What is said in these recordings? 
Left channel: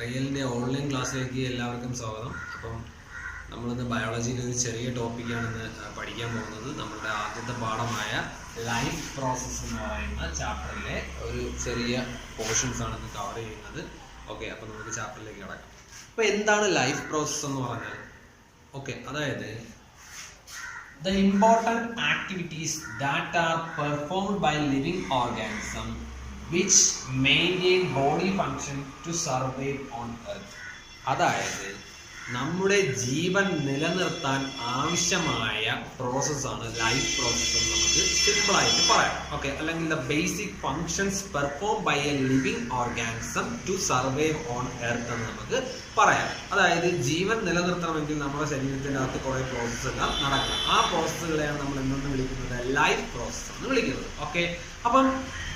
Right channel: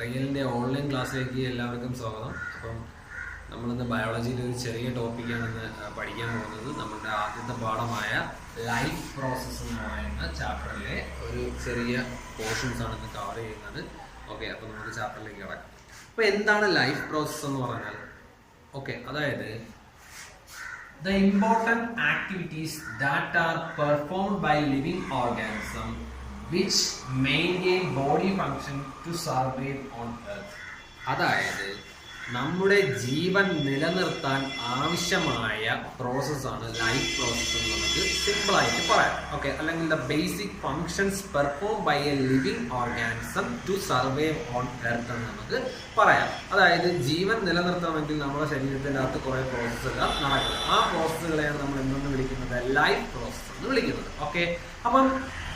റിയലിൻ്റെ online ക്ലാസ്സിലേക്ക് എല്ലാവർക്കും സ്വാഗതം. അപ്പം നമ്മളിന്ന് ബയോളജിയിലെ ഒരു ചെറിയ ടോപ്പിക്കാണിന്ന് പഠിക്കാൻ പോകുന്നത്. നമ്മളുടെ ആദ്യത്തെ പാഠമായ ലൈഫ് പ്രോസസ്സ് എന്ന് പറയുന്ന ചാപ്റ്ററിലെ ഒരു ചെറിയ പോർഷൻസ് ആണ് ഇന്ന് കവർ ചെയ്യുന്നത്. ഓക്കെ, അപ്പോൾ നമുക്ക് ചാപ്റ്ററിലേക്ക് കിടക്കാം. അപ്പോൾ എന്താണ് ലൈഫ് പ്രോസസ്സ് എന്ന് പറഞ്ഞാൽ? ഓക്കെ, അതായത് the important activities that are performed by living organism which maintain body function to survive on earth. അതായത് നമ്മുടെ ജീവൻ നിലനിർത്താൻ ആവശ്യമായ പ്രോസസ്സാണ് ലൈഫ് പ്രോസസ്സ് എന്ന് നമുക്ക് സിമ്പിളായിട്ട് പറയാം. ഓക്കെ, അല്ലെങ്കിൽ the basic functions perform by a living organism to survive on earth എന്ന് നമുക്ക് പറയാം. അതായത് ജീവൻ നിലനിർത്തണമെങ്കിൽ നമ്മുടെ ശരീരത്തിൻ്റെ അകത്ത് കുറേ പ്രോസസ്സുകൾ നടക്കണം. ആ പ്രോസസ്സുകളെയാണ് നമ്മൾ എന്തെന്ന് വിളിക്കുന്നത്? ലൈഫ് പ്രോസസ്സ് എന്ന് വിളിക്കുന്നത്. ഓക്കെ, അപ്പം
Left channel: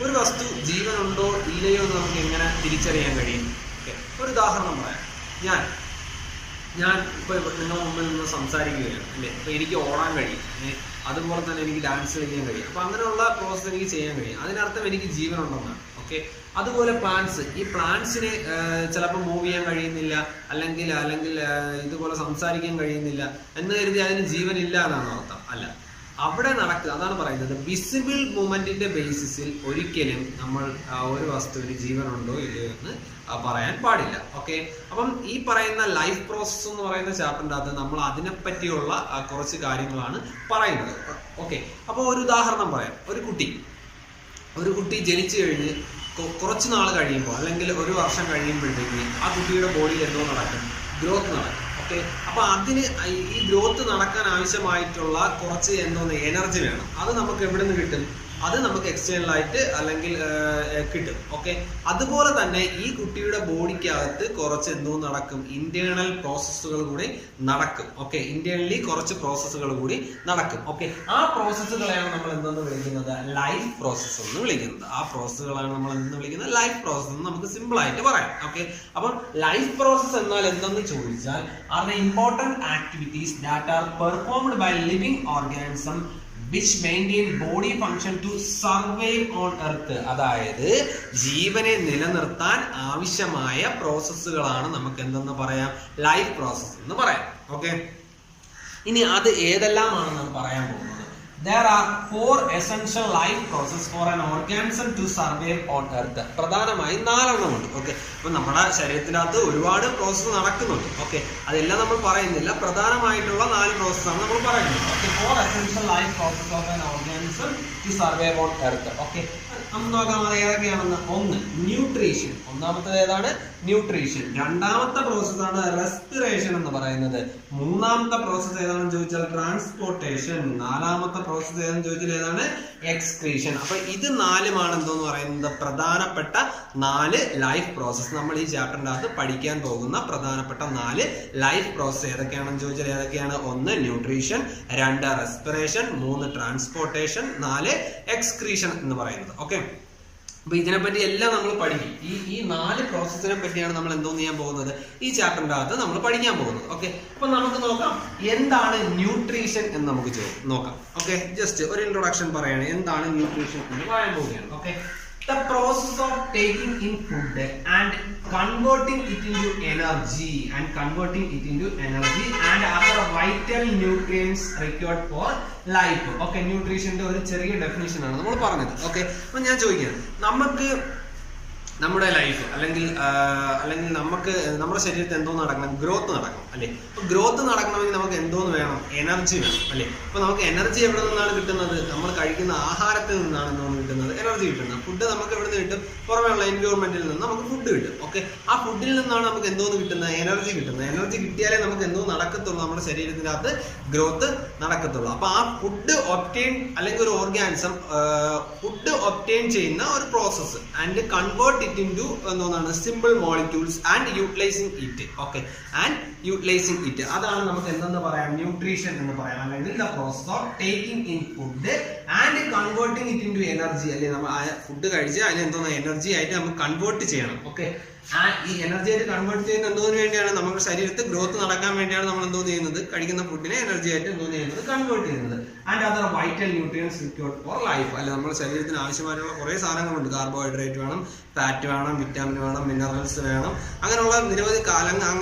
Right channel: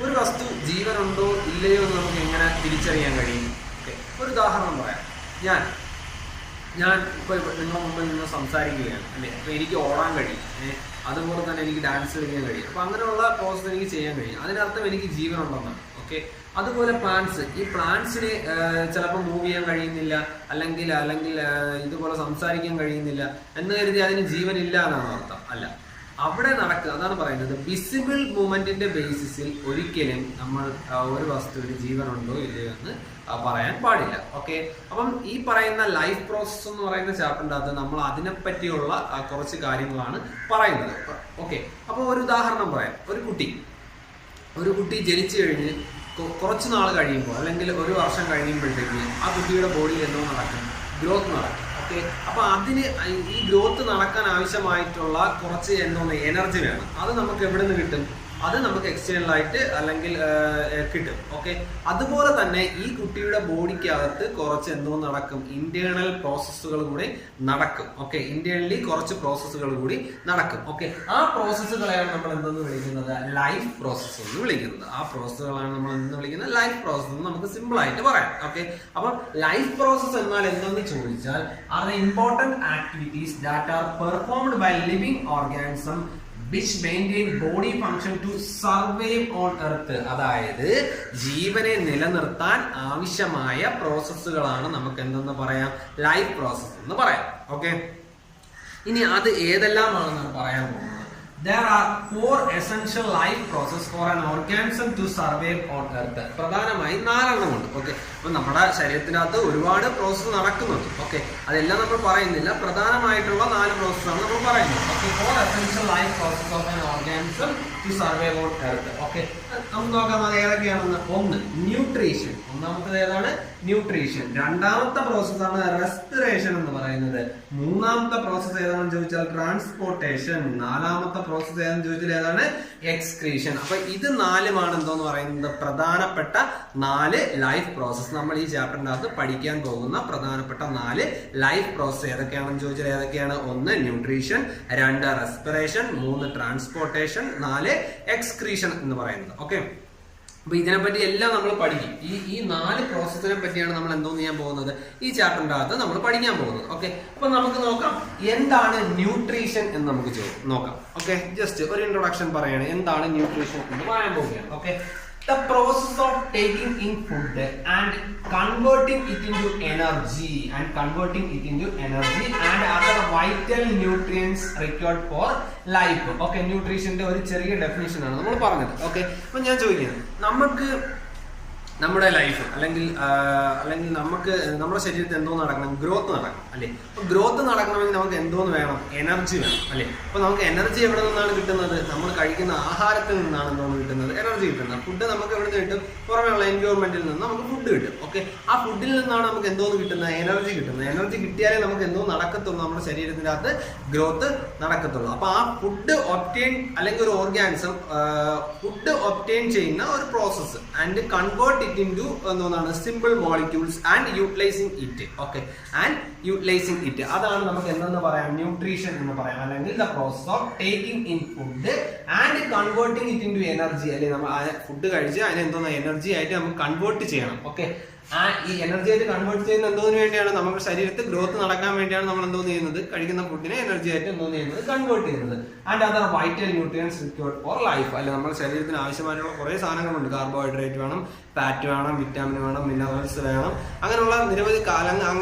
ഒരു വസ്തു ജീവനുണ്ടോ ഇല്ലയോ എന്ന് നമുക്ക് എങ്ങനെ തിരിച്ചറിയാൻ കഴിയും? ഓക്കെ, ഒരു ഉദാഹരണം പറയാം. ഞാൻ ഇപ്പോൾ നിങ്ങളുടെ മുമ്പിൽ നിന്ന് സംസാരിക്കുകയാണ് അല്ലേ. അപ്പോൾ എനിക്ക് ഓടാൻ കഴിയും, അതുപോലെ തന്നെ എനിക്ക് ഡാൻസ് കളിക്കാൻ കഴിയും. അപ്പോൾ അങ്ങനെയുള്ള പ്രോസസ്സ് എനിക്ക് ചെയ്യാൻ കഴിയും. അതിനർത്ഥം എനിക്ക് ജീവനുണ്ടെന്നാണ്. ഓക്കെ, അതുപോലെ പ്ലാന്റ്സ്, ഈ പ്ലാന്റ്സിന് ചിലപ്പോൾ മൂവ് ചെയ്യാൻ കഴിയുന്നില്ല, അല്ലെങ്കിൽ ഇതുപോലെ സംസാരിക്കാൻ കഴിയുന്നില്ല എന്ന് കരുതി അതിന് ജീവനില്ല എന്നാണ് അർത്ഥം. അല്ല, അവിടെ നടക്കുക, അതാണ് പറയുന്നത്. വിസിബിൾ മൂവ്മെന്റിന്റെ ബേസിസിൽ ഒരിക്കലും നമ്മൾ ഒരു വസ്തുവിന് ജീവനുണ്ടോ ഇല്ലയോ എന്ന് പറയാൻ പാടില്ല. ഓക്കെ, അപ്പം ഈ പറയുന്ന ലൈഫ് പ്രോസസ്സ് എന്ന് പറയുന്ന ചാപ്റ്ററിൻ്റെ അകത്ത് നമ്മൾ അതിനെപ്പറ്റിയുള്ള കുറച്ച് കാര്യങ്ങളാണ് പറയുന്നത്. ഓക്കെ, അപ്പോൾ ഒരു ഉദാഹരണം പറയാം. ഒരു കുട്ടി ജനിച്ചു കഴിഞ്ഞ് കുറച്ച് നാൾ കഴിയുമ്പോൾ, അല്ലെങ്കിൽ ഒരു വർഷം കഴിയുമ്പോഴത്തേക്ക് ആ കുട്ടിയുടെ ബോഡിയിൽ എന്തോ നടക്കും? ഗ്രോത്ത് നടക്കും. ഓക്കെ, അപ്പോൾ അതിന് ഈ ഗ്രോത്ത് നടക്കാൻ ആവശ്യമായിട്ടുള്ള കുറച്ച് എനർജി വേണം. അത് നമുക്ക് എവിടെ നിന്ന് കിട്ടും? അത് നമുക്ക് എക്സ്റ്റേണലായിട്ട് അല്ലെങ്കിൽ കിട്ടും. ഓക്കെ, അതുപോലെ തന്നെ ഈ കുട്ടിയുടെ ബോഡിക്കകത്ത് കുറച്ച് നടക്കും? ഇന്റേണൽ പ്രോസസ്സുകൾ കൂടി നടക്കും. ഓക്കെ, ഇന്റേണലി കുറച്ച് പ്രോസസ്സുകൾ കൂടി നടക്കും. ഓക്കെ, ആ പ്രോസസ്സുകളെയാണ് നമ്മൾ എന്തെന്ന് വിളിക്കുന്നത്? ലൈഫ് പ്രോസസ്സ് എന്ന് വിളിക്കുന്നത്. ആ പ്രോസസ്സുകളാണ് നമ്മൾ എന്തെന്ന് വിളിക്കുന്നത്? ലൈഫ് പ്രോസസ്സ് എന്ന് നമുക്ക് സിമ്പിൾ ആയിട്ട് പറയാം. ഓക്കെ, അപ്പം ലൈഫ് പ്രോസസ്സ് എന്നാൽ എന്തെന്ന് ചോദിച്ചാൽ, are the important activities that are performed by living organism which maintain body function to survive on earth. അതായത് ജീവനെ നിലനിർത്താൻ ആവശ്യമായ പ്രോസസ്സുകളാണ് നമുക്ക് എന്തെന്ന് പറയാം? ലൈഫ് പ്രോസസ്സ് എന്ന് പറയാം. ഓക്കെ, ഇനി അത് ഏതെല്ലാമാണെന്നാണ് പറയാൻ പോകുന്നത്. There are 4 essential life process for an organism to survive on earth. പ്രധാനമായും 4 ഉണ്ട്. ഓക്കെ, അപ്പൊ നമ്മുടെ ശരീരത്തിനകത്ത് ഒരുപാട് പ്രോസസ്സ് നടക്കുന്നുണ്ട്. ഓക്കെ, അതെല്ലാം നമ്മൾ പറയുന്നില്ല. പ്രധാനമായിട്ടുള്ള 4 പ്രോസസ്സാണ് നമ്മൾ പറയുന്നത്. Okay, 4 essential life process of an organism to survive on earth. Okay, നമുക്ക് നോക്കാം അത് ഏതൊക്കെയാണെന്ന്. 1, ന്യൂട്രീഷൻ. ഒന്നാമത്തത് ഏതാണ്? ന്യൂട്രീഷൻ. രണ്ടാമത്തെ പ്രോസസ്സാണ് റെസ്പിറേഷൻ എന്ന് പറയുന്നത്. മൂന്നാമത്തെ പ്രോസസ്സ് ഏതാണെന്ന് ചോദിച്ചാൽ ട്രാൻസ്പോർട്ടേഷൻ. നാലാമത്തെ പ്രോസസ്സ് ഏതാണെന്ന് ചോദിച്ചാൽ ഏതാണ്? എക്സ്ക്രീഷൻ. അപ്പൊ ഇത് 4 എന്തോന്ന് പറയുന്നത്? പ്രധാനപ്പെട്ട 4 ലൈഫ് പ്രോസസ്സ്. നമ്മൾ ഈ ചാപ്റ്ററിന്റെ അകത്ത് പഠിക്കാൻ പോകുന്ന പ്രധാനപ്പെട്ട 4 ലൈഫ് പ്രോസസ്സ് ഏതൊക്കെയാണെന്ന് ചോദിച്ചാൽ ഏതൊക്കെയാണ്? 1 ന്യൂട്രീഷൻ, 2 റെസ്പിറേഷൻ, 3 ട്രാൻസ്പോർട്ടേഷൻ, 4 എക്സ്ക്രീഷൻ എന്ന് പറയുന്നത്. ഓക്കെ, അപ്പൊ ഇതിനെപ്പറ്റി എല്ലാം നമ്മൾ പഠിക്കും. ഈ 4 പ്രോസസ്സിനെ പറ്റിയാണ് നമ്മൾ എന്തോന്ന് ചെയ്യാൻ പോകുന്നത്? ഈ ചാപ്റ്ററിന്റെ അകത്ത് നമ്മൾ പഠിക്കാൻ പോകുന്നത്. ഓക്കെ, അപ്പൊ നമുക്ക് നോക്കാം എന്താണ് ന്യൂട്രീഷൻ എന്ന് നമുക്ക് നോക്കാം. ഓക്കെ, ജസ്റ്റ് ഒരു ഇൻട്രൊഡക്ഷൻ പറയാണ് എന്താണ് ന്യൂട്രീഷൻ എന്ന് പറയാൻ പോവുകയാണ്. Okay, the process of taking in food and converting it into energy and other vital nutrients required for life. Okay, ന്യൂട്രീഷന്റെ ഒരു ചെറിയ ഡെഫിനിഷൻ ആണ് നമ്മൾ പറഞ്ഞത്. ഓക്കെ, അപ്പൊ ഞാൻ ചോദിക്കുന്നത്, നമുക്ക് നമ്മുടെ ലൈഫ് അല്ലെങ്കിൽ നമുക്ക് നമ്മുടെ ശരീരത്തിൽ എന്തോ നടക്കണം? ഗ്രോത്ത് നടക്കണം അല്ലേ. അപ്പൊ ഗ്രോത്ത് നടക്കണമെങ്കിൽ നമുക്ക് എന്തോന്ന് വേണം? എനർജി വേണം അല്ലേ. അപ്പൊ നമുക്ക് എനർജി എവിടെ നിന്നാണ് കിട്ടുന്നത്? നമ്മൾ കഴിക്കുന്ന ആഹാരത്തിൽ നിന്നാണ് എന്തോന്ന് കിട്ടുന്നത്? എനർജി കിട്ടുന്നത്. ഫുഡ് നമുക്ക് എവിടെ നിന്ന് കിട്ടും? പുറമെയുള്ള എൻവയോൺമെന്റിൽ നിന്ന് നമുക്ക് ഫുഡ് കിട്ടും. ഓക്കെ, ആ ഫുഡിൽ നിന്നാണ് നമുക്ക് എന്തോന്ന് കിട്ടുന്നത്? എനർജി കിട്ടുന്നത്. എനർജി കിട്ടിയാലേ നമുക്ക് എന്തോ നടക്കത്തുള്ളൂ, നമ്മുടെ ശരീരത്തിന്റെ അകത്ത് ഗ്രോത്ത് നടക്കത്തുള്ളൂ. അപ്പൊ ആ ഫുഡ് ഒബ്റ്റെയിൻ അല്ലെങ്കിൽ ഒരു ഓർഗാനിസം ഫുഡ് ഒബ്റ്റെയിൻ ചെയ്യുന്ന ഒരു പ്രോസസ്സ് ആൻഡ് കൺവേർട്ട് into എന്താണ്? Simple molecules and utilising it. Okay, and utilising it, അതാണ് നമുക്ക് എന്തെന്ന് പറയാം? ന്യൂട്രീഷൻ എന്ന് പറയാം. അല്ലെങ്കിൽ the process of taking in food and converting it into energy. അല്ലെങ്കിൽ നമ്മൾ ഫുഡ് കഴിച്ച് അതിന് എന്തോന്ന് എനർജി ആയിട്ട് നമുക്ക് കൺവേർട്ട് ചെയ്യണം. ഓക്കെ, ഈ എനർജി ആയിട്ട് കൺവേർട്ട് ചെയ്യുന്ന എന്തോന്ന് വേണ്ടിയാണ്? നമ്മുടെ ശരീരത്തിൽ ഗ്രോത്ത് നടക്കാൻ വേണ്ടിയാണ് നമ്മൾ എന്തോ ചെയ്യുന്നത്, കഴിക്കുന്ന ഫുഡിനെ എനർജി ആയിട്ട് എന്തോ ചെയ്യുന്നത്, കൺവേർട്ട് ചെയ്യുന്നത്. And other vital nutrients required for life. അല്ലെ, നമ്മുടെ ശരീരത്തിന് ആവശ്യമായിട്ടുള്ള കുറെ സാധനങ്ങളുണ്ട്. കാർബോഹൈഡ്രേറ്റ് വേണം, ഫാറ്റ് വേണം, വിറ്റാമിൻ വേണം, മിനറൽസ് വേണം, അങ്ങനെയുള്ള നിരവധി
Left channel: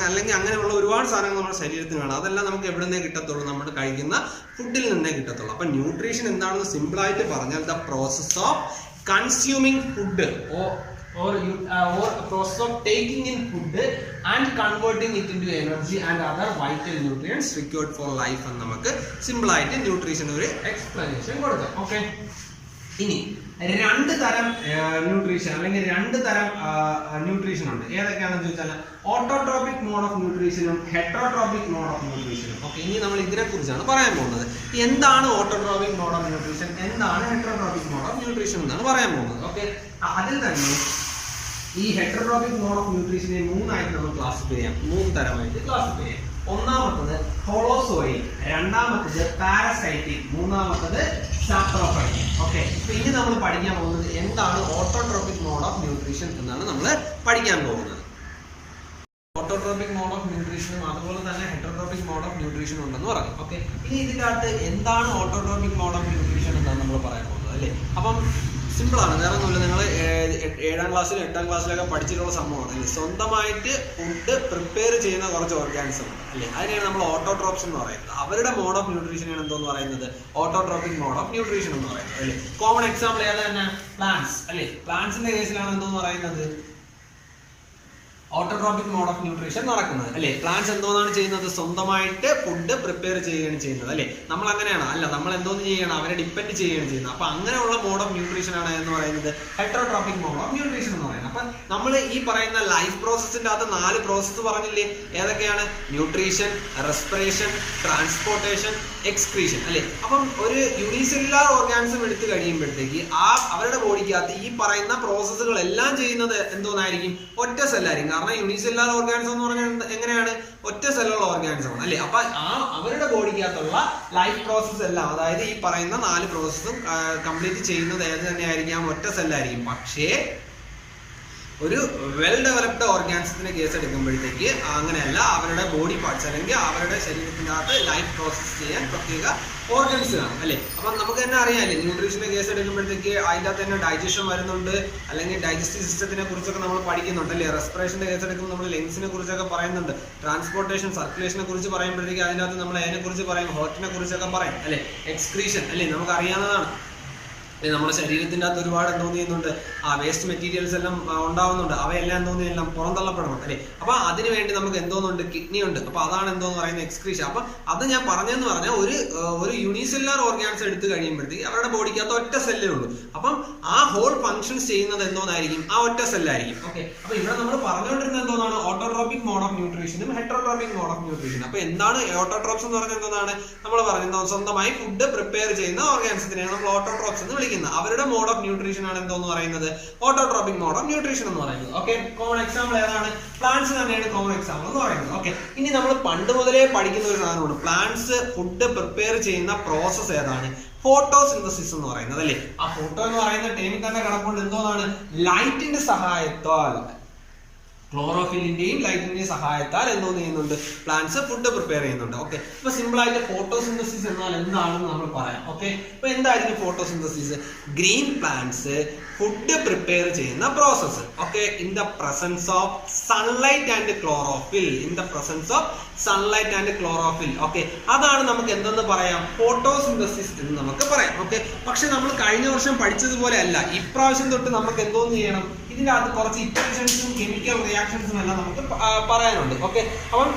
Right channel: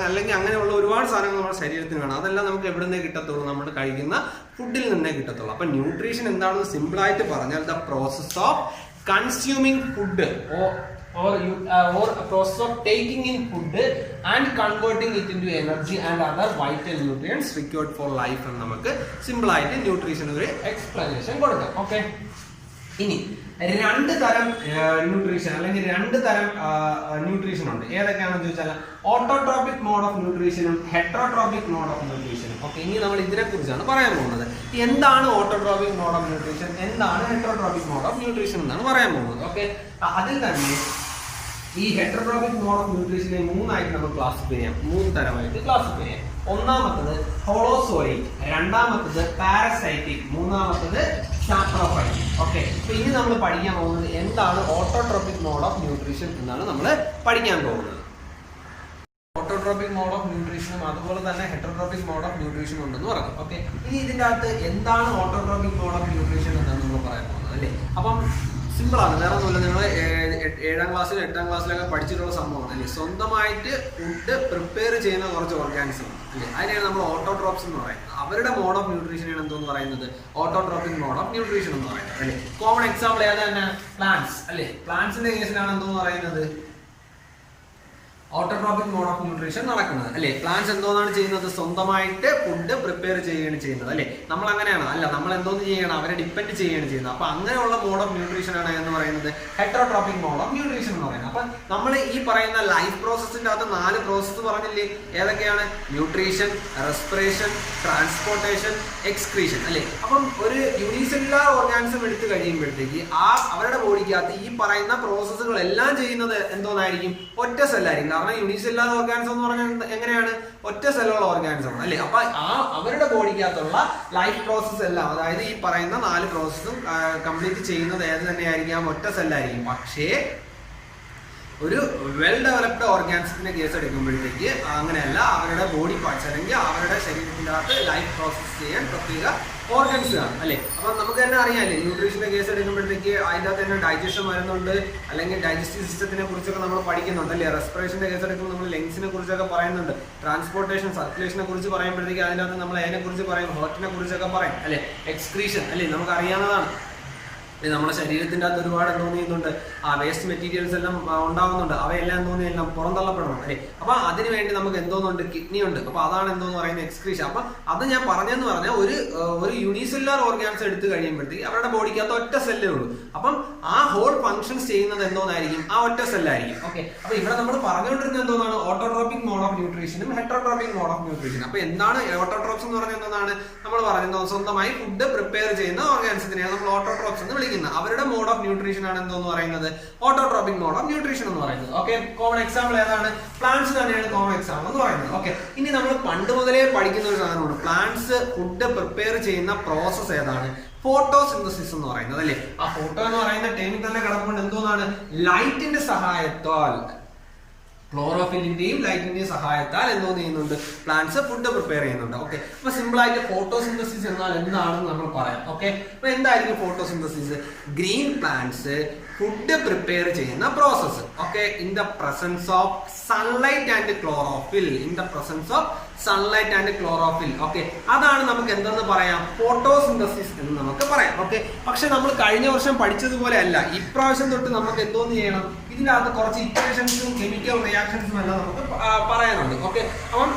അല്ലെങ്കിൽ അങ്ങനെയുള്ള ഒരുപാട് സാധനങ്ങൾ നമ്മുടെ ശരീരത്തിന് വേണം. അതെല്ലാം നമുക്ക് എവിടെ നിന്നേ കിട്ടത്തുള്ളൂ? നമ്മൾ കഴിക്കുന്ന ഫുഡിൽ നിന്നേ കിട്ടത്തുള്ളൂ. അപ്പൊ ന്യൂട്രീഷൻ എന്താണെന്ന് സിമ്പിൾ ആയിട്ട് പറഞ്ഞാൽ the process of consuming food or a process of taking in food and converting it into energy and other vital nutrients required for life എന്ന് നമുക്ക് സിമ്പിൾ ആയിട്ട് ന്യൂട്രീഷൻ ഒരു എക്സ്പ്ലനേഷൻ കൊടുക്കാം. ഓക്കെ, ഇനി രണ്ട് തരം ന്യൂട്രീഷൻ അല്ലെങ്കിൽ രണ്ട് തരം ന്യൂട്രീഷൻ ഉണ്ട്. ഏതൊക്കെയാണെന്ന് ചോദിച്ചാൽ ഓട്ടോട്രോപിക് മോഡ് ഓഫ് ന്യൂട്രീഷനും ഹെറ്ററോട്രോപിക് മോഡ് ഓഫ് ന്യൂട്രീഷനും. ഓക്കെ, ഇനി നമ്മൾ ഇതിനെ കുറിച്ചാണ് പറയാൻ പോകുന്നത്. എന്താണ് ഓട്ടോട്രോപിക് മോഡ് ഓഫ് ന്യൂട്രീഷൻ, എന്താണ് ഹെറ്ററോട്രോപിക് മോഡ് ഓഫ് ന്യൂട്രീഷൻ എന്നാണ് പറയാൻ പോകുന്നത്. ഓക്കെ, അതിൽ തന്നെ ഈ ഹെറ്ററോട്രോപിക് മോഡ് ഓഫ് ന്യൂട്രീഷനെ മൂന്നായിട്ട് നമുക്ക് ക്ലാസിഫൈ ചെയ്യാം, മൂന്ന് തരമായിട്ട് ക്ലാസിഫൈ ചെയ്യാം. ഒന്നാമത്തത് ഹോളോസോയിക്, രണ്ടാമത്തത് പാരസൈറ്റിക്, മൂന്നാമത്തത് സാപ്രോഫൈറ്റിക്. ഓക്കെ, അപ്പൊ ഇനി നമ്മൾ പഠിക്കാൻ പോകുന്നത് എന്താണ് ഓട്ടോട്രോപിക് മോഡ് ഓഫ് ന്യൂട്രീഷൻ എന്നാണ് നമ്മൾ പഠിക്കാൻ പോകുന്നത്. ഓട്ടോട്രോപിക് മോഡ് ഓഫ് ന്യൂട്രീഷനും അതുപോലെ തന്നെ ഹെറ്ററോട്രോപിക് മോഡ് ഓഫ് ന്യൂട്രീഷനും ഉണ്ടെന്ന് പറഞ്ഞു. ഓക്കെ, ഇനി ഇതിന്റെ അകത്ത് എന്താണ് ഓട്ടോട്രോപിക് മോഡ് ഓഫ് ന്യൂട്രീഷൻ എന്നാണ് നമ്മൾ പറയാൻ പോകുന്നത്. അല്ലേ, അപ്പം സിമ്പിൾ ആണ്, വേറെ ഒന്നുമില്ല. നിങ്ങൾ 7ാം ക്ലാസ്സിലും 8ാം ക്ലാസ്സിലൊക്കെ പഠിച്ചിട്ടുള്ള സംഭവമാണ്. അല്ലേ, സ്വന്തമായിട്ട് ഫുഡ് പ്രിപ്പയർ ചെയ്യുന്ന കുറച്ച് ഓർഗാനിസം ഉണ്ട്. അല്ലേ, അതിനെയാണ് നമ്മൾ ഓട്ടോട്രോപ്സ് എന്ന് പറയുന്നത്. അവരുടെ മോഡ് ഓഫ് ന്യൂട്രീഷനാണ് എന്തോന്ന് പറയുന്നത്, ഓട്ടോട്രോപിക് മോഡ് ഓഫ് ന്യൂട്രീഷൻ എന്ന് പറയുന്നത്. അല്ലേ, കോമൺ എക്സാമ്പിൾ ഏതാ തന്നെ, പ്ലാന്റ്സ്. അല്ലേ, പ്ലാന്റ്സിന്റെ കേസിലാണ് എന്തോന്ന് പറയുന്നത്, ഓട്ടോട്രോപിക് മോഡ് ഓഫ് ന്യൂട്രീഷൻ നടക്കുന്നത്. അല്ലെ, പ്ലാന്റ്സ് എന്തോന്നാണ് ചെയ്യുന്നത്, സ്വന്തമായിട്ട് ഫുഡ് പ്രിപ്പയർ ചെയ്യുകയാണ് ചെയ്യുന്നത്. അല്ലെ, നമ്മൾ അങ്ങനെയാണ് അല്ല, നമ്മൾ എന്തോന്ന് ചെയ്യണം, അവരെ ഡിപ്പെൻഡ് ചെയ്യുകയാണ് ചെയ്യുന്നത്. അപ്പൊ അങ്ങനെയുള്ള മോഡ് ഓഫ് ന്യൂട്രീഷൻ ആണ് എന്ന് പറയുന്നത് ഹെറ്ററോട്രോപിക് മോഡ് ഓഫ് ന്യൂട്രീഷൻ എന്ന് പറയുന്നത്. അപ്പൊ നമ്മൾ ഈ പറയുന്ന ലൈഫ് പ്രോസസ്സിന്റെ അകത്ത് 4 പ്രോസസ്സ് പറഞ്ഞില്ലേ, ഏതൊക്കെയാണ്? Nutrition, respiration, transportation, excretion. അല്ലെ, അപ്പം ഒരു യൂണിസെല്ലുലാർ ഓർഗാനിസം എടുത്തു കഴിയുമ്പോഴത്തേക്ക് അവരുടെ ബോഡിക്കകത്ത് ഈ പറയുന്ന പ്രോസസ്സുകൾ എല്ലാം ചെയ്യുന്നത് എന്തോന്നായിരിക്കും, ഒറ്റ സെല്ലായിരിക്കും. കാരണം യൂണിസെല്ലുലാർ ഓർഗാനിസം എന്ന് പറഞ്ഞാൽ എങ്ങനെയാണ്, ഒറ്റ സെല്ലുള്ള ഓർഗാനിസം ആണ്. അല്ലെ, അപ്പൊ അവരുടെ ബോഡിക്കകത്തുള്ള ലൈഫ് പ്രോസസ്സ് എല്ലാം, അതായത് ഈ പറയുന്ന 4 പ്രോസസ്സും കംപ്ലീറ്റ് ചെയ്യുന്നത് ഏത് തന്നെയായിരിക്കാം, ഒറ്റ സെല്ലായിരിക്കും. പക്ഷേ ഒരു വെൽ ഡെവലപ്ഡ് ഓർഗാനിസത്തിന്റെ കേസ് എടുക്കുമ്പോഴത്തേക്ക് അങ്ങനെയല്ല, അവരുടെ ബോഡി പാർട്സ് അല്ലെങ്കിൽ അവരുടെ ശരീരത്തിന്റെ അകത്ത് ലൈഫ് പ്രോസസ് ചെയ്യാൻ പ്രത്യേക ഓർഗൻസ് കാണും. അല്ലെ, അപ്പം നമുക്ക് തന്നെ അറിയാമല്ലേ, ന്യൂട്രീഷന്റെ കേസ് എടുക്കുമ്പോഴത്തേക്ക് അതിൻ്റെ അകത്ത് തന്നെ ഡൈജഷൻ വരുന്നുണ്ട്, അല്ലെങ്കിൽ ഡൈജസ്റ്റീവ് സിസ്റ്റത്തിനെ കുറിച്ചൊക്കെ നമ്മൾ പഠിക്കുന്നുണ്ട്. അല്ലേ, റെസ്പിറേഷന്റെ കേസ് എടുക്കുമ്പോൾ നമ്മൾ ലങ്സിനെ കുറിച്ചൊക്കെ പറയുന്നുണ്ട്. ട്രാൻസ്പോർട്ടേഷൻ, സർക്കുലേഷനെ കുറിച്ച് പറയുമ്പോഴത്തേക്ക് അതിൻ്റെ അകത്ത് നമ്മൾ അതിനെ കുറിച്ച് പറയും, ഹേർട്ടിനെ കുറിച്ചൊക്കെ പറയും. അല്ലെ, എക്സ്ക്രീഷൻ. അല്ലേ, നമുക്ക് അറിയാവുന്നതാണ്. നമ്മുടെ ശരീരത്തിന്റെ അകത്ത് ഒരുപാട് എന്തോന്ന് ചെയ്യുന്നുണ്ട്, വേസ്റ്റ് മെറ്റീരിയൽസ് എല്ലാം ഉണ്ടാവുന്നുണ്ട്. അവയെല്ലാം എന്തോന്ന് എല്ലാം പുറന്തള്ളപ്പെടണം. അല്ലെ, അപ്പൊ അതിന് വേണ്ടി നമുക്ക് എന്തോന്നുണ്ട്, കിഡ്നി ഉണ്ട്. അപ്പൊ അതാണ് എന്തോന്ന് പറയുന്നത്, എക്സ്ക്രീഷൻ. അപ്പൊ അത് ഞാൻ പറഞ്ഞെന്ന് പറഞ്ഞാൽ ഒരു യൂണിസെല്ലുലാർ ഓർഗാൻസ് എടുത്ത് കഴിയുമ്പോഴത്തേക്ക് അവരുടെ ബോഡിക്കകത്ത് ഒറ്റ സെല്ലേ ഉള്ളൂ. അപ്പം ആ ഹോൾ ഫംഗ്ഷൻസ് ചെയ്യുന്നത് എന്തോന്നായിരിക്കും, ആ ഒറ്റ സെല്ലായിരിക്കും. ഓക്കെ, അപ്പൊ ഇവിടെ നമ്മൾ പറഞ്ഞുകൊണ്ടിരുന്നത് എന്തോന്നാണ്, ഓട്ടോട്രോപിക് മോഡ് ഓഫ് ന്യൂട്രീഷനും ഹെറ്ററോട്രോപിക് മോഡ് ഓഫ് ന്യൂട്രീഷൻ. അപ്പൊ എന്താണ് ഓട്ടോട്രോപ്സ് എന്ന് പറഞ്ഞാൽ എന്താണ്, നമ്മൾ പറഞ്ഞത് സ്വന്തമായി ഫുഡ് പ്രിപ്പയർ ചെയ്യുന്ന ഓർഗാനിസത്തിനെയാണ് നമ്മൾ ഓട്ടോട്രോപ്സ് എന്ന് വിളിക്കുന്നത്. അവരുടെ മോഡ് ഓഫ് ന്യൂട്രീഷൻ ആണ് എന്തോന്ന് പറയുന്നത്, ഓട്ടോട്രോപിക് മോഡ് ഓഫ് ന്യൂട്രീഷൻ എന്ന് പറയുന്നത്. ഓക്കെ, കോമൺ എക്സാമ്പിൾ ഏതാണ്, പ്ലാന്റ്സ് തന്നെയാണ് കോമൺ എക്സാമ്പിൾ എന്ന് പറയുന്നത്. ഓക്കെ, ഇനി നമ്മൾ പണ്ട് മുതലേ പഠിക്കുന്ന ഒരു സാധനമാണ്, പ്ലാന്റ്സ് ഫുഡ് പ്രിപ്പയർ ചെയ്യുന്ന പ്രോസസ് ഏതാണ്, ഫോട്ടോസിന്തസിസ് എന്ന് പറയുന്നത്. അല്ലേ, ആ ഫോട്ടോ എന്ന് പറയുന്ന ടൈമിൽ തന്നെ കിടപ്പുണ്ട് എന്തോന്നാണ്, ലൈറ്റിന്റെ സഹായത്താൽ, ക്ലോറോഫിലിന്റെയും ലൈറ്റിന്റെയും സഹായത്താൽ എന്തോ ചെയ്യുന്നുണ്ട്, പ്ലാന്റ്സ് ഫുഡ് പ്രിപ്പയർ ചെയ്യുന്നുണ്ട്. ഓക്കെ, അപ്പൊ സിമ്പിൾ ആയിട്ട് ഫോട്ടോസിന്തസിസ് എന്നാൽ എന്താണെന്ന് നമ്മൾ പറയാം. ഓക്കെ, അപ്പൊ എന്തായിരിക്കും photosynthesis, green plants food prepare ചെയ്യുന്ന process. Okay, in the presence of sunlight and chlorophyll, in the presence of sunlight and chlorophyll. Okay, അതാണ് നമുക്ക് എന്തെന്ന് പറയാം, ഫോട്ടോസിന്തസിസ് എന്ന് നമുക്ക് പറയാം. ഓക്കെ, പക്ഷെ നമ്മൾ കഴിഞ്ഞ വർഷം പഠിച്ചതുപോലെ അല്ല, ഇപ്രാവശ്യം തൊട്ട് നമുക്ക് എന്തോന്ന് ചെയ്യണം, ഇതിൻ്റെ അകത്ത് കുറച്ച് ഇക്വേഷൻസും കെമിക്കൽ റിയാക്ഷൻസും എല്ലാം നമുക്ക് പറയാനുണ്ട്. ഓക്കെ, അപ്പം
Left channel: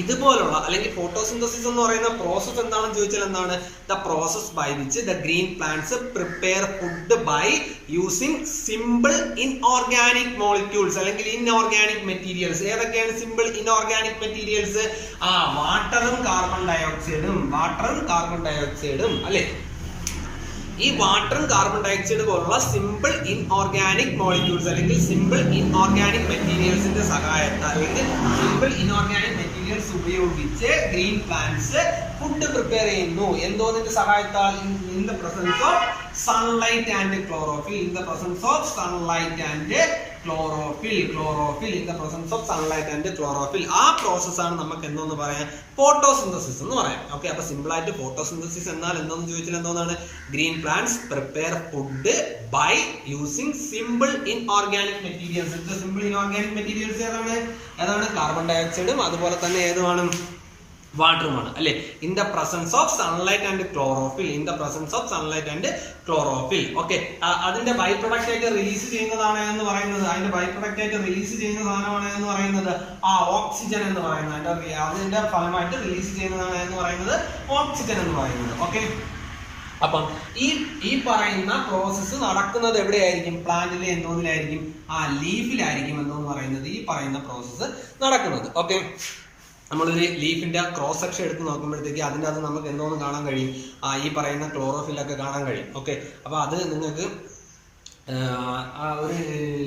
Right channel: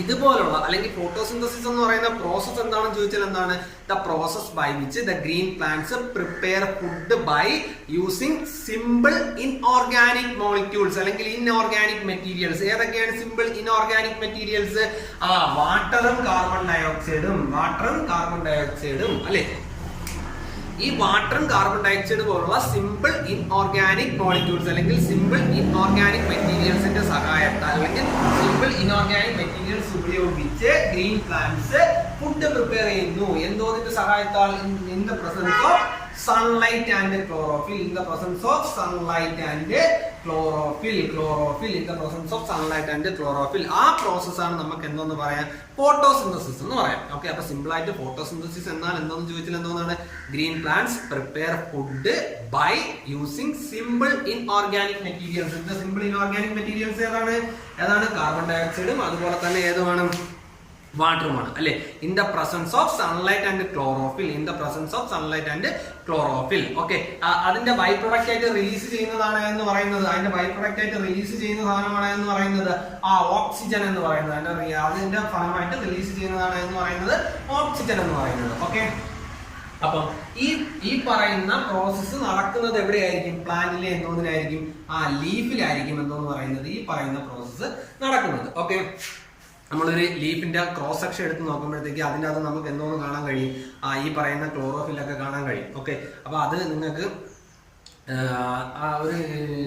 ഇതുപോലുള്ള അല്ലെങ്കിൽ ഫോട്ടോസിന്തസിസ് എന്ന് പറയുന്ന പ്രോസസ് എന്താണെന്ന് ചോദിച്ചാൽ എന്താണ്, the process by which the green plants prepare food by using simple inorganic molecules അല്ലെങ്കിൽ ഇൻഓർഗാനിക് മെറ്റീരിയൽസ്. ഏതൊക്കെയാണ് സിമ്പിൾ ഇൻഓർഗാനിക് മെറ്റീരിയൽസ്, വാട്ടറും കാർബൺ ഡയോക്സൈഡും അല്ലെ, ഈ വാട്ടറും കാർബൺ ഡയോക്സൈഡ് പോലുള്ള സിമ്പിൾ ഇൻഓർഗാനിക് മോളിക്യൂൾസ് അല്ലെങ്കിൽ സിമ്പിൾ ഇൻഓർഗാനിക് മെറ്റീരിയൽസിന്റെ സഹായത്താൽ അല്ലെങ്കിൽ സിമ്പിൾ ഇൻഓർഗാനിക് മെറ്റീരിയൽസ് ഉപയോഗിച്ച് ഗ്രീൻ പ്ലാന്റ്സ് ഫുഡ് പ്രിപ്പയർ ചെയ്യുന്നു. എന്തോന്നിന്റെ സഹായത്താൽ, in the presence of sunlight and chlorophyll. In the presence of sunlight and chlorophyll in the presence of sunlight and chlorophyll. ആ process ആണ് നമുക്ക് എന്തോന്ന് പറയാം, ഫോട്ടോസിന്തസിസ് എന്ന് പറയാം. ഓക്കെ, അപ്പൊ സിമ്പിൾ ആയിട്ട് ഫോട്ടോസിന്തസിസ് എന്നാൽ എന്തോന്ന് ചോദിച്ചാൽ എന്തോന്നാണ്, green plants prepare food by using simple inorganic materials. Simple inorganic materials ഏതാണ് കാർബൺ ഡൈ ഓക്സൈഡും അതുപോലെ തന്നെ ഏതുമാണ്, വാട്ടറുമാണ് അല്ലെ. In the presence of sunlight and chlorophyll. Okay, അതിന്റെ ബൈ പ്രൊഡക്റ്റ് ആയിട്ട് റിലീസ് ചെയ്യുന്നതാണ് എന്ന് പറയുന്നത്, സാധനമാണ് എന്ന് പറയുന്നത് ഓക്സിജൻ എന്ന് പറയുന്നത്. അതിന്റെ ഫലമായിട്ട് റിലീസ് ചെയ്യുന്നതാണ് എന്ന് പറയുന്നത് ഓക്സിജൻ എന്ന് പറയുന്നത്. ഓക്കെ, അപ്പം ഈ പറയുന്ന പ്രോസസ്സ് നടക്കുന്നത് എവിടെയായിരിക്കും, പ്ലാന്റിലെ എന്തോന്നിലായിരിക്കും, ലീഫിലായിരിക്കും എന്തോന്ന് പറയുന്നത് ഈ പറയുന്ന പ്രോസസ്സ് നടക്കുന്നത്. ഓക്കെ, നമ്മളൊരു ലീഫിന്റെ ക്രോസ് സെക്ഷൻ എടുത്ത് നോക്കുമ്പോഴത്തേക്ക് അതിൻ്റെ അത് നമുക്ക് എന്തോന്ന് കാണാൻ കഴിയും, ഈ പറയുന്ന ക്ലോറോഫില്ലൊക്കെ കാണാൻ കഴിയും. ഓക്കെ, അപ്പോൾ അത് നിങ്ങൾക്ക് ഒരു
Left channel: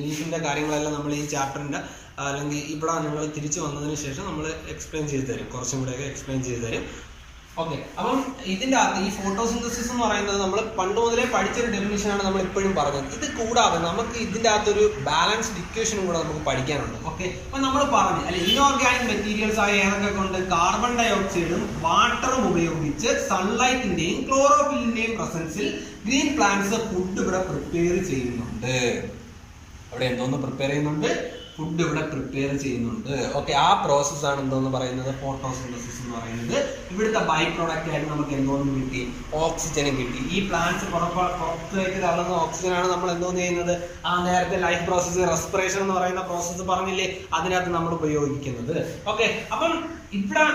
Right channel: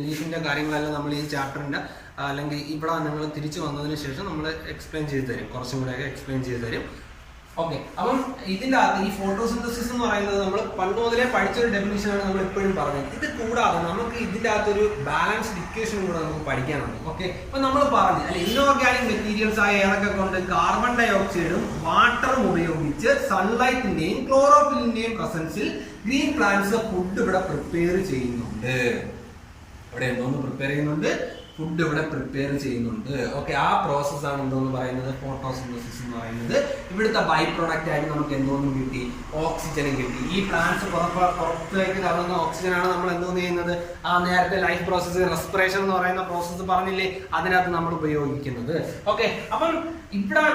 ലീഫിന്റെ കാര്യങ്ങളെല്ലാം നമ്മൾ ഈ ചാപ്റ്ററിന്റെ അല്ലെങ്കിൽ ഇവിടെ നിങ്ങൾ തിരിച്ചു വന്നതിന് ശേഷം നമ്മൾ എക്സ്പ്ലെയിൻ ചെയ്ത് തരും, കുറച്ചും കൂടെയൊക്കെ എക്സ്പ്ലെയിൻ ചെയ്ത് തരും. ഓക്കെ, അപ്പം ഇതിൻ്റെ അകത്ത് ഈ ഫോട്ടോസിന്തസിസ് എന്ന് പറയുന്നത് നമ്മൾ പണ്ട് മുതലേ പഠിച്ചൊരു ഡെഫിനിഷനാണ് നമ്മൾ ഇപ്പോഴും പറഞ്ഞത്. ഇത് കൂടാതെ നമുക്ക് ഇതിൻ്റെ അകത്തൊരു ബാലൻസ്ഡ് ഇക്വേഷനും കൂടെ നമുക്ക് പഠിക്കാനുണ്ട്. ഓക്കെ, അപ്പൊ നമ്മൾ പറഞ്ഞു അല്ലെ, ഇൻഓർഗാനിക് മെറ്റീരിയൽസ് ആയ ഏതൊക്കെ കൊണ്ട്, കാർബൺ ഡൈ ഓക്സൈഡും വാട്ടറും ഉപയോഗിച്ച് സൺലൈറ്റിന്റെയും ക്ലോറോഫിലിന്റെയും പ്രസൻസിൽ ഗ്രീൻ പ്ലാന്റ്സ് ഫുഡ് ഇവിടെ പ്രിപ്പയർ ചെയ്യുന്നുണ്ട്. അവിടെ എന്തോന്ന് പ്രിപ്പയർ ചെയ്യുന്നുണ്ട്, ഫുഡ് ഇവിടെ പ്രിപ്പയർ ചെയ്യുന്നുണ്ട്. ഓക്കെ, ആ പ്രോസസ് ആണ് എന്തോന്ന് പറയുന്നത്, ഫോട്ടോസിന്തസിസ് എന്ന് പറയുന്നത്. ഇവിടുത്തെ ബൈ പ്രോഡക്റ്റ് ആയിട്ട് നമുക്ക് എന്തോന്നും കിട്ടി, ഓക്സിജനും കിട്ടി. ഈ പ്ലാന്റ്സ് പുറത്തേക്ക് തള്ളുന്ന ഓക്സിജൻ ആണ് നമ്മൾ എന്തോന്ന് ചെയ്യുന്നത്, നേരത്തെ ലൈഫ് പ്രോസസ്സ്, റെസ്പിറേഷൻ എന്ന് പറയുന്ന പ്രോസസ്സ് പറഞ്ഞില്ലേ, അതിനകത്ത് നമ്മൾ ഉപയോഗിക്കുന്നത്. ഓക്കെ, അപ്പം ഇവിടെ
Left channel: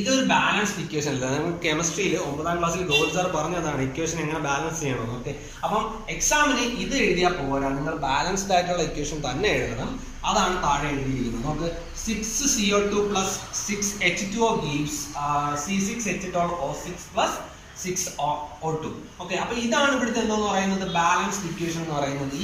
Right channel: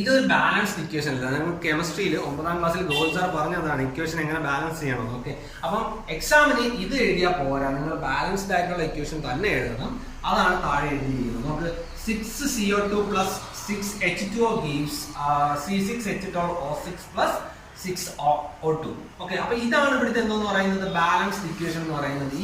ഇതൊരു ബാലൻസ്ഡ് ഇക്വേഷൻ അല്ല. നിങ്ങൾ കെമിസ്ട്രിയിൽ 9ാം ക്ലാസ്സിൽ ഗോൾ സാർ പറഞ്ഞതാണ് ഇക്വേഷൻ എങ്ങനെ ബാലൻസ് ചെയ്യണം. ഓക്കെ, അപ്പം എക്സാമിന് ഇത് എഴുതിയാൽ പോരാ, നിങ്ങൾ ബാലൻസ്ഡ് ആയിട്ടുള്ള ഇക്വേഷൻ തന്നെ എഴുതണം. അതാണ് താഴെ എഴുതിയിരിക്കുന്നത്. നമുക്ക് 6CO2 plus 6H2O gives C6H12O6 plus 6O2. Okay, അപ്പൊ ഇതാണ് ഇവിടുത്തെ എന്തോന്ന് പറയുന്നത്, ബാലൻസ്ഡ് ഇക്വേഷൻ എന്ന് പറയുന്നത്.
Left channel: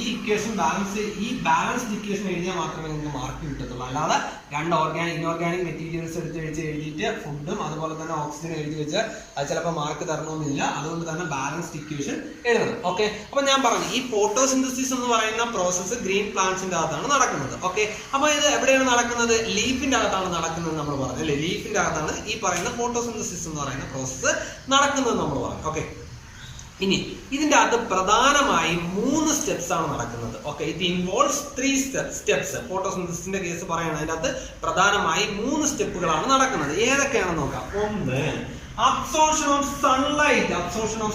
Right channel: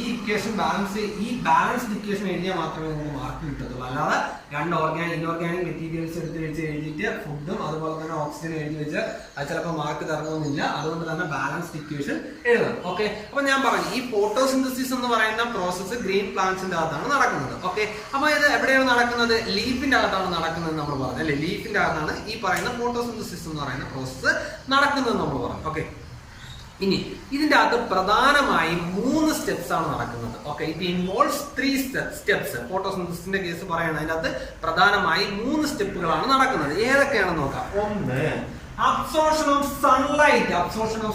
ഈ ബാലൻസ്ഡ് ഇക്വേഷൻ എഴുതിയാൽ മാത്രമേ നിങ്ങൾക്ക് മാർക്ക് കിട്ടത്തുള്ളൂ. അല്ലാതെ രണ്ട് ഇൻഓർഗാനിക് മെറ്റീരിയൽസ് എഴുതിയിട്ട് ഫുഡും അതുപോലെ തന്നെ ഓക്സിജൻ എഴുതി വെച്ച് അത് ചിലപ്പോൾ മാർക്ക് തരണമെന്നില്ല. അതുകൊണ്ട് തന്നെ ബാലൻസ്ഡ് ഇക്വേഷൻ എഴുതണം. ഓക്കെ, അപ്പൊ ഞാൻ പറഞ്ഞു ഈ ഫോട്ടോസിന്തസിസ് എന്ന് പറയുന്ന പ്രോസസ്സ് ഗ്രീൻ പ്ലാന്റ്സിന്റെ അകത്താണ് നടക്കുന്നത്. ഓക്കെ, അപ്പൊ ഇത് എവിടെയാണ് നടക്കുന്നത്, ലീഫിന്റെ അകത്താണ് നടക്കുന്നത് നമ്മൾ പറഞ്ഞു അല്ലെ. ലീഫിന്റെ അകത്താണ് ഈ പറയുന്ന ഫോട്ടോസിന്തസിസ് എന്ന് പറയുന്ന പ്രോസസ്സ് നടക്കുന്നത് നമ്മൾ പറഞ്ഞു. ഓക്കെ, ഇനി ഇതിന്റെ അകത്ത് പ്രധാനമായും 3 സ്റ്റെപ്സ് ആണ് നടക്കുന്നത്. Okay, it involves 3 steps. ഫോട്ടോസിന്തസിസിന്റെ കേസ് പറയുകയാണ്, അതിന്റെ അകത്ത് പ്രധാനമായും 3 സ്റ്റെപ്പുകളാണ് നടക്കുന്നത്. ഏതൊക്കെയാണെന്ന് നോക്കാം. ഒന്ന്, അബ്സോർപ്ഷൻ ഓഫ്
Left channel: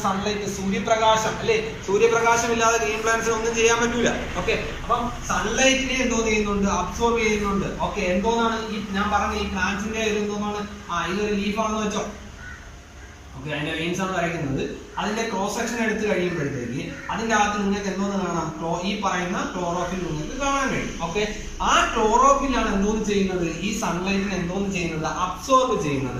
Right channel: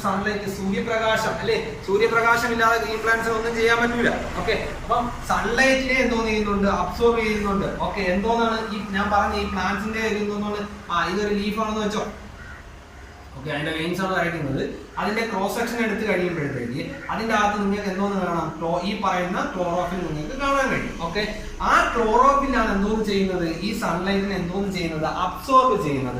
സൺലൈറ്റ്, സൂര്യപ്രകാശം അല്ലെ. സൂര്യപ്രകാശം ഇല്ലാതെ ഗ്രീൻ പ്ലാന്റ്സിന് ഒന്നും ചെയ്യാൻ പറ്റൂല. ഓക്കെ, അപ്പം സൺലൈറ്റിനെ എന്തോ ചെയ്യുന്നുണ്ട്, അബ്സോർബ് ചെയ്യുന്നുണ്ട്. ഓക്കെ, എന്തോന്നാണ് ഈ ഞാൻ പറഞ്ഞ ഈ പ്ലാന്റ്സിന്റെ എന്തോന്നാണ്, ഇതൊരു ലീഫാണെന്ന് വെച്ചോ. ഓക്കെ, അതിന്റെ വെയിൻസ് ആണ് വരയ്ക്കുന്നത്. അതിന്റെ ക്രോസ് സെക്ഷൻ എടുത്ത് കഴിയുമ്പോഴത്തേക്ക് അതിന്റെ അകത്ത് നിങ്ങൾക്ക് എന്തോന്ന് കാണാം, ഈ പറയുന്ന ക്ലോറോഫിൽ നിങ്ങൾക്ക് കാണാൻ കഴിയും. ഓക്കെ, ആ ക്ലോറോഫിലാണ് എന്തോന്ന് ചെയ്യുന്നത്, ഈ സൺലൈറ്റിനെ എന്തോന്ന് ചെയ്യുന്നത്, അബ്സോർബ് ചെയ്യുന്നത്.